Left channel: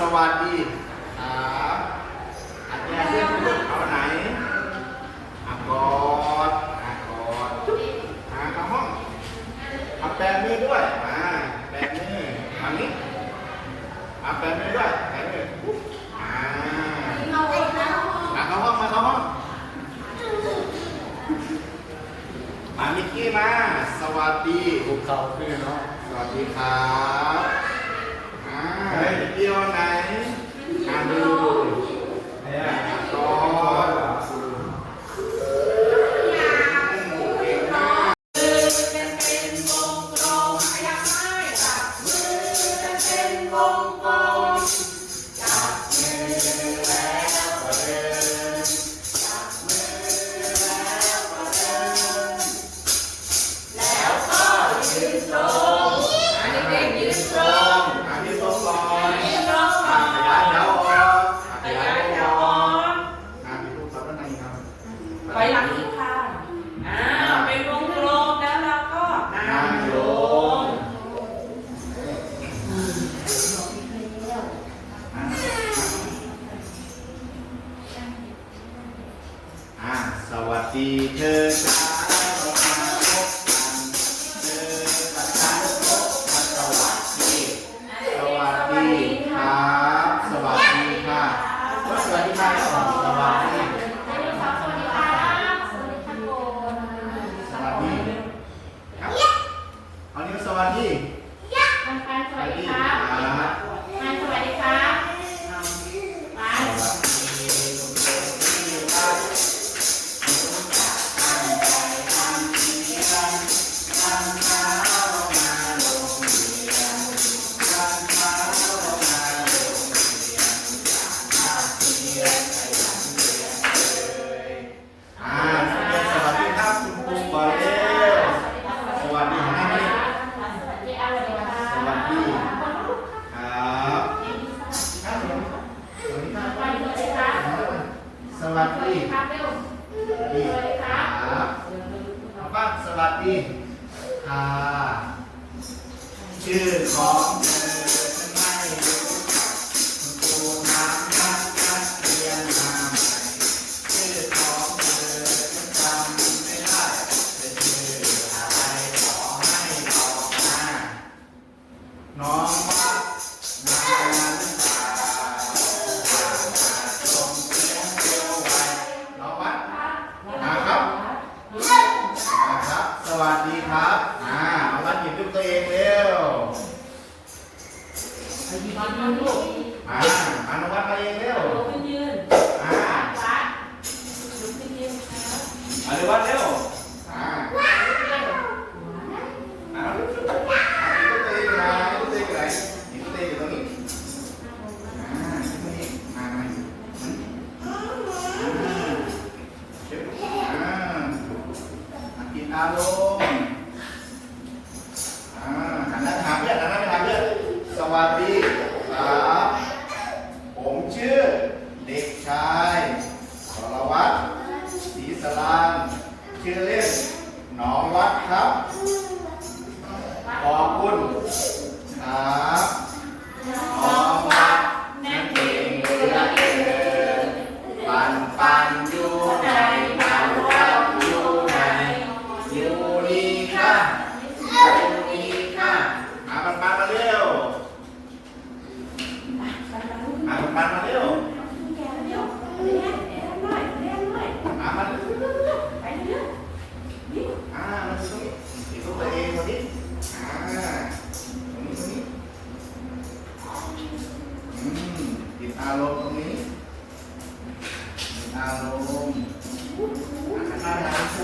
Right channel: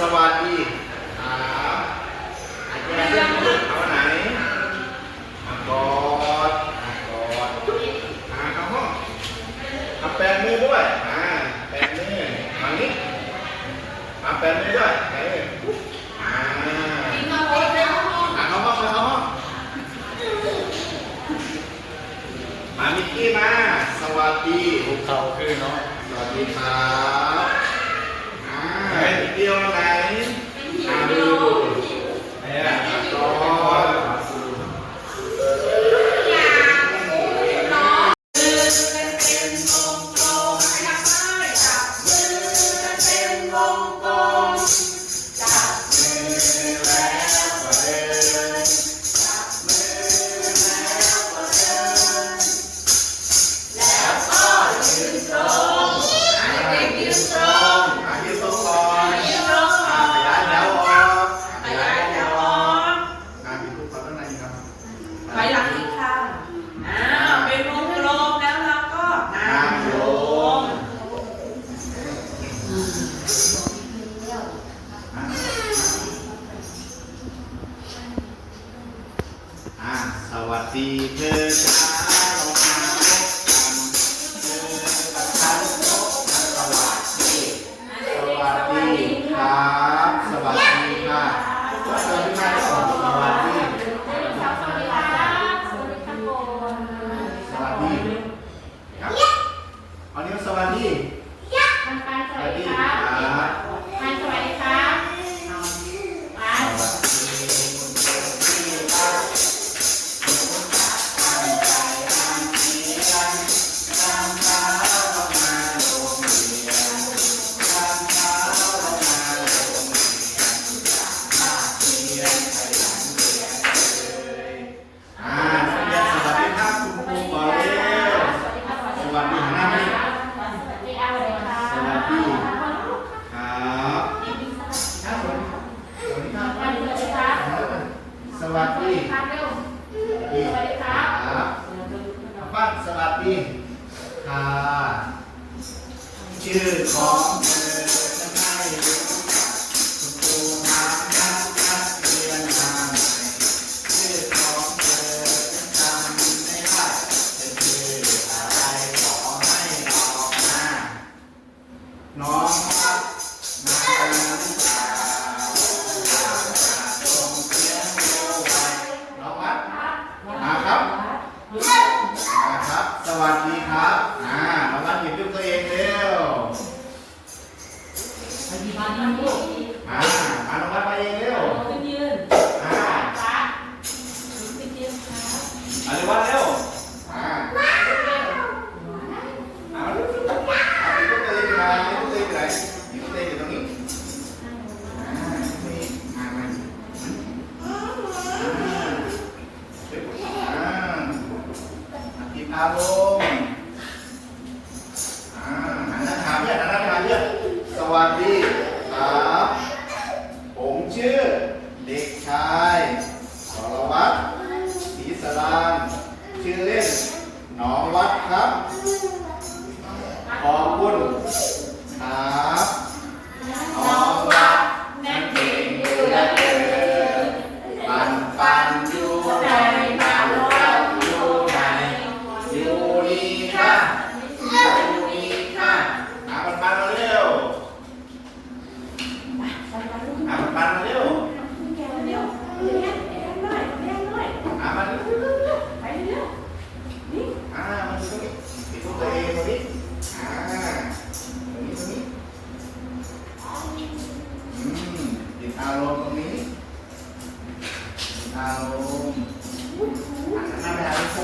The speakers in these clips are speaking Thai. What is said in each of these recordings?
สวัสดีครับอาแกเรื่ลูกเขาไหนอากอดอากอดอาเอาห้องอาแปลงมือด้วยอาแปลงมือมานี้อาแปลงมือด้วยแปออาอาเอาห้องมาเอาห้องมามิกกี้มา สวัสดีลูกเต่าคือเนาะสวัสดีครับ do là Nossa.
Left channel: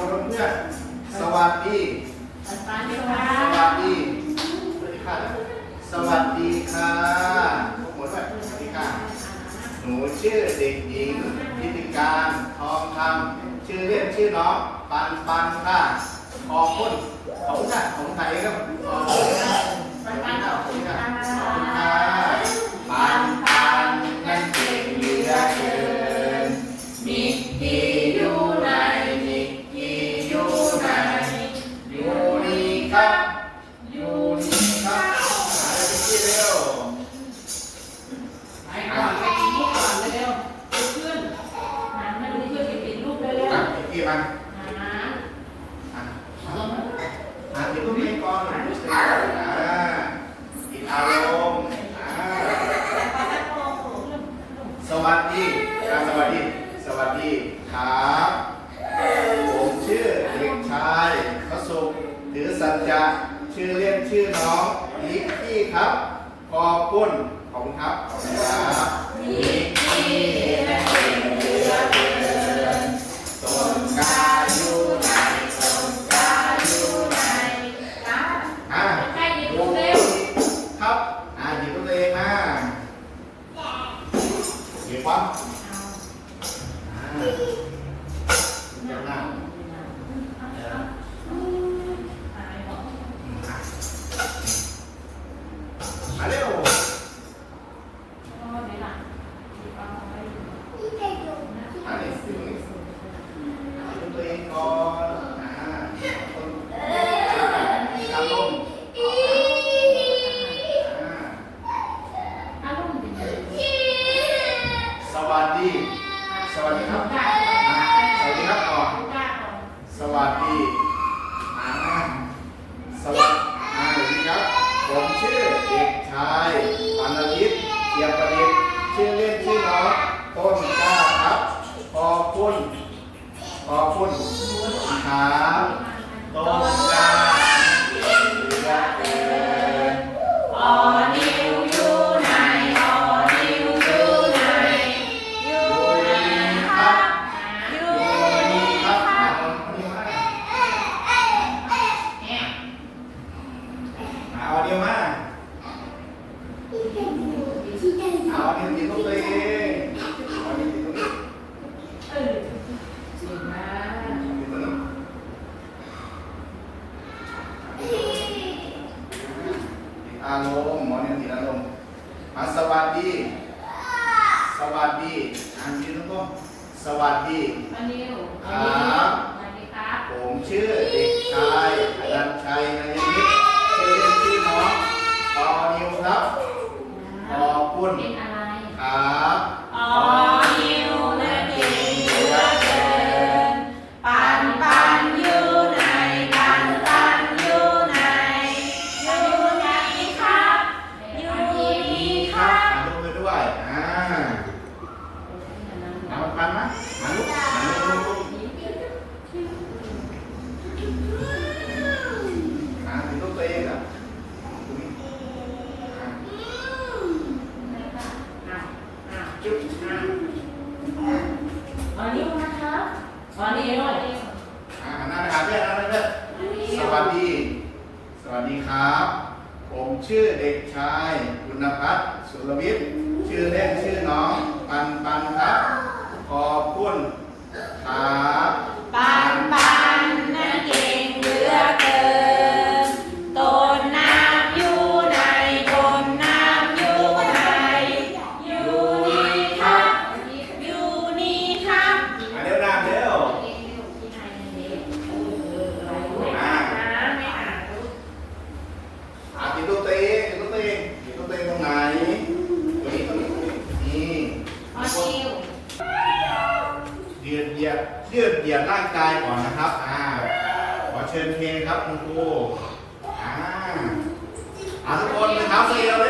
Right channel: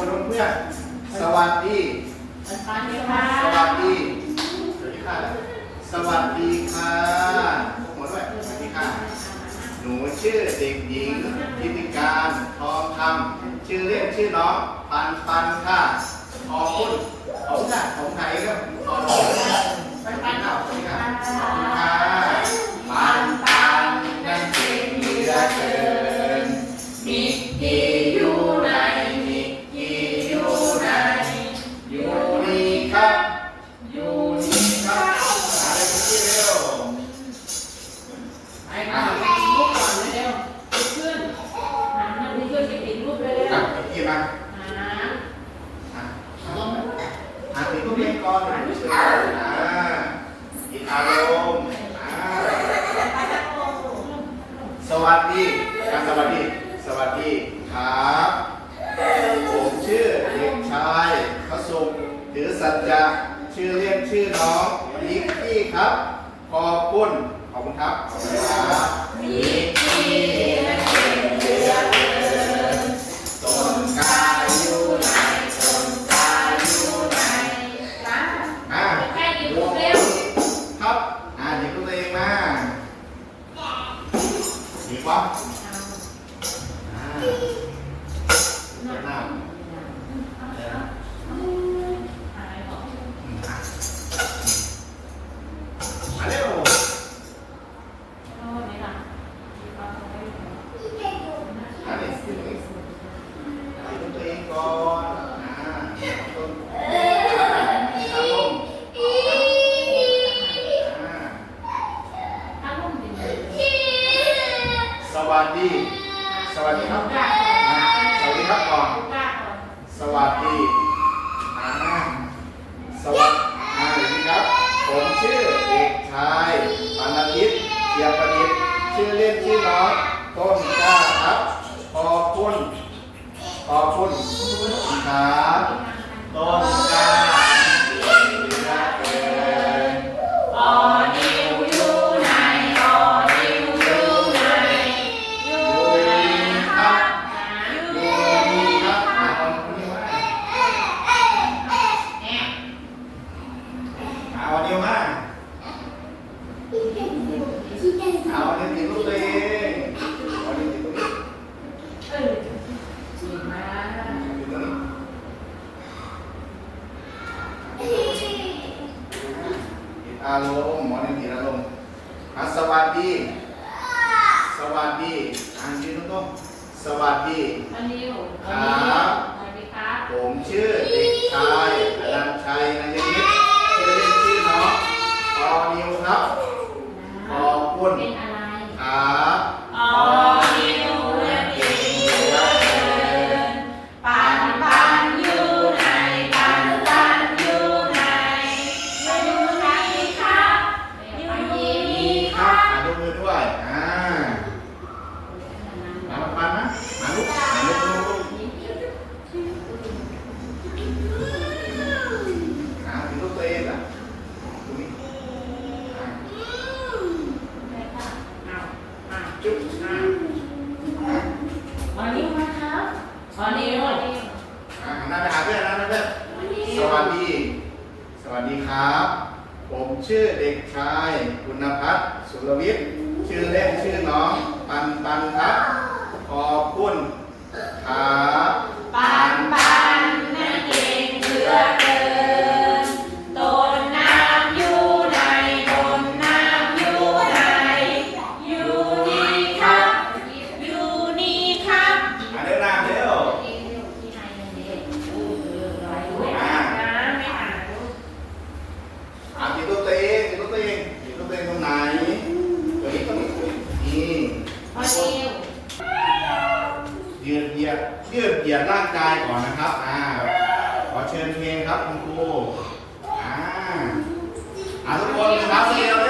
ว์นเพื่อน สวัสดีสวัสดีค่ะสวัสดีค่ะสวัสดีค่ะหมดแล้วสวัสดีค่ะ หนูชื่อเด็กหญิงพิธิการทองคำชื่อเล่นชื่อน้องปันปันค่ะ ขอบคุณของค่ะของไทยครับขอบคุณปันปันขอบคุค่ะ น้องนิกกี้ครับ ขอบคุณขอบคุณครับนิกกี้ อารมณ์หมอนิติอารมณ์สวัสดี สวัสดีอันชื่อก็สวัสดีวันนี้ครับผมชื่อเด็กชายอดัมชัยนายนิดชื่อเล่นชื่อน้องปอนิวครับปอพุ่ ครับ ผมชื่อเด็กชายคุณพัฒน์สุรวิทย์ ชื่อเล่นชื่อน้อง ปันปันครับ ขอบคุณครับปันปัน ตรงไหนตรงนี้ตรงนี้ตรงนี้อืมพอชิวยืดเหยียดยืดเหยียดร่างกายก่อนนะครับอ่าขอเชิญเพลงครับคุณครูอ่าอ่าทุกคนนะครับเรียเร็ว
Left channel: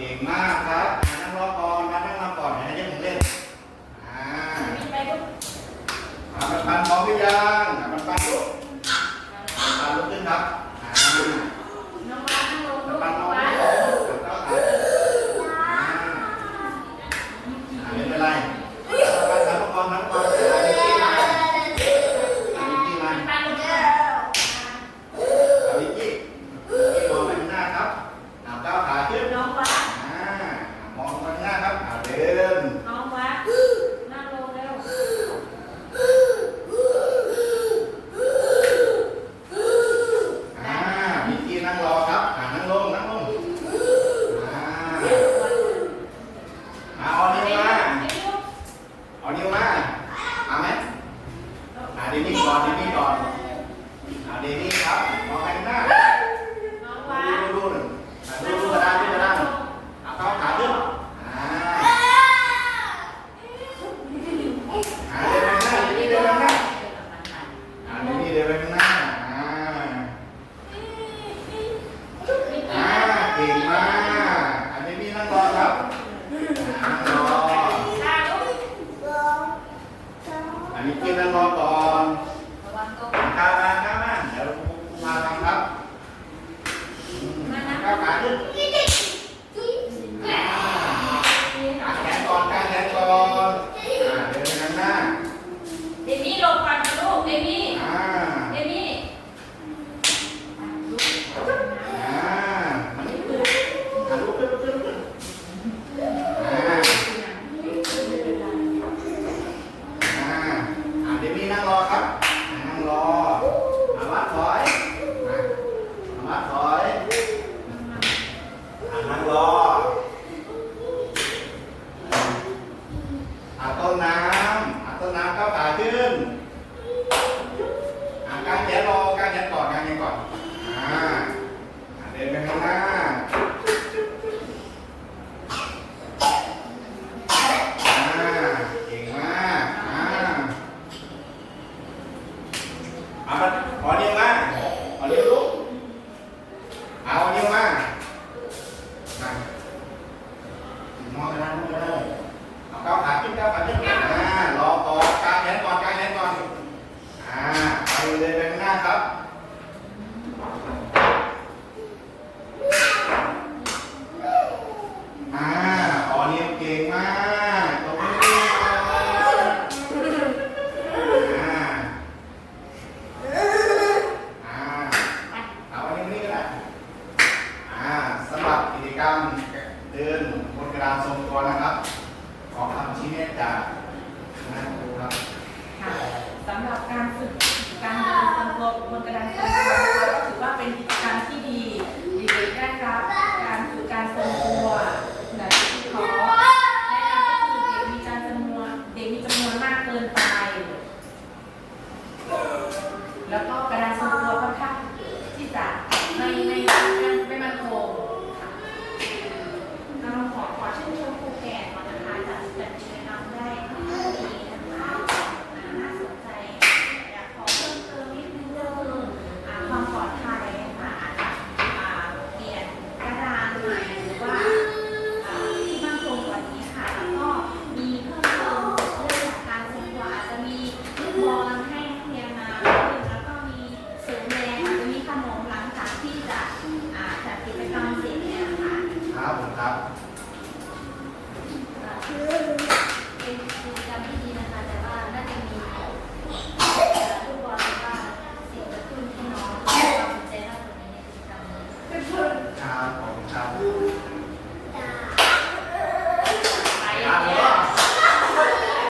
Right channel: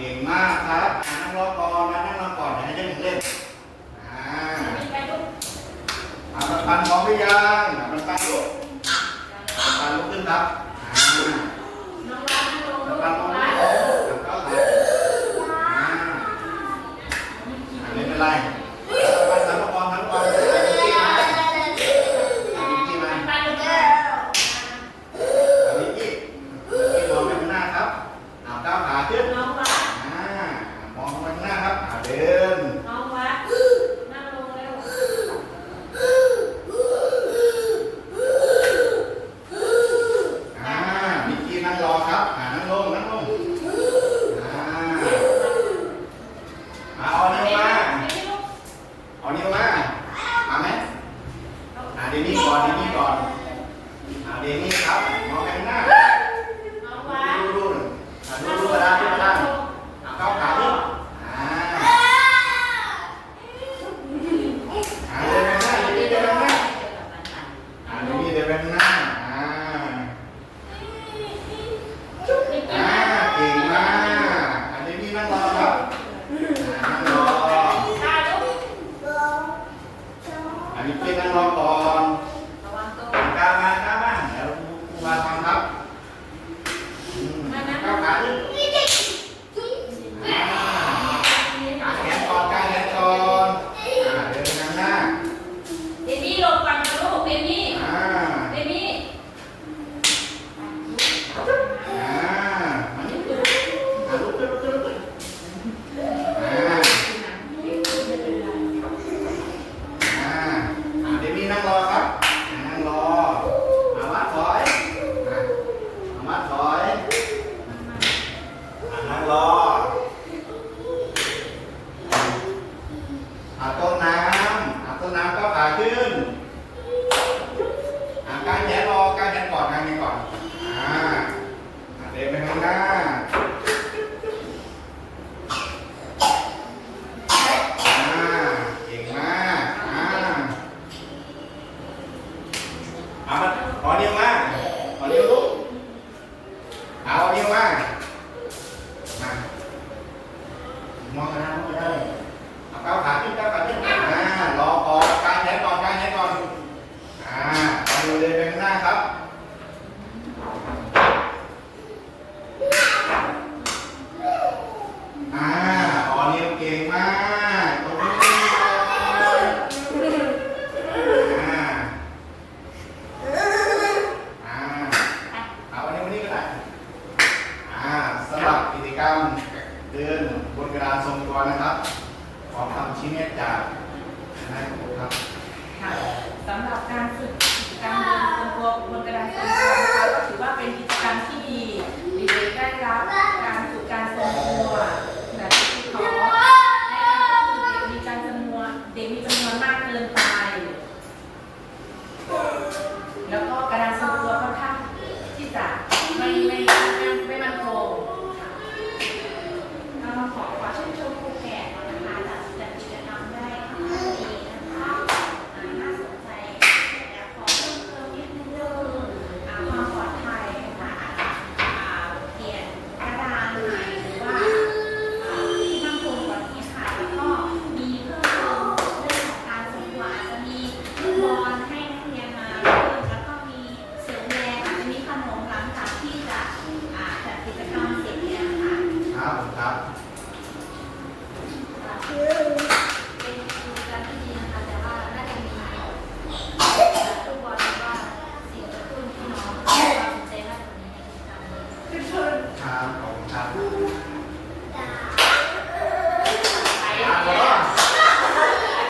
เก่งมาก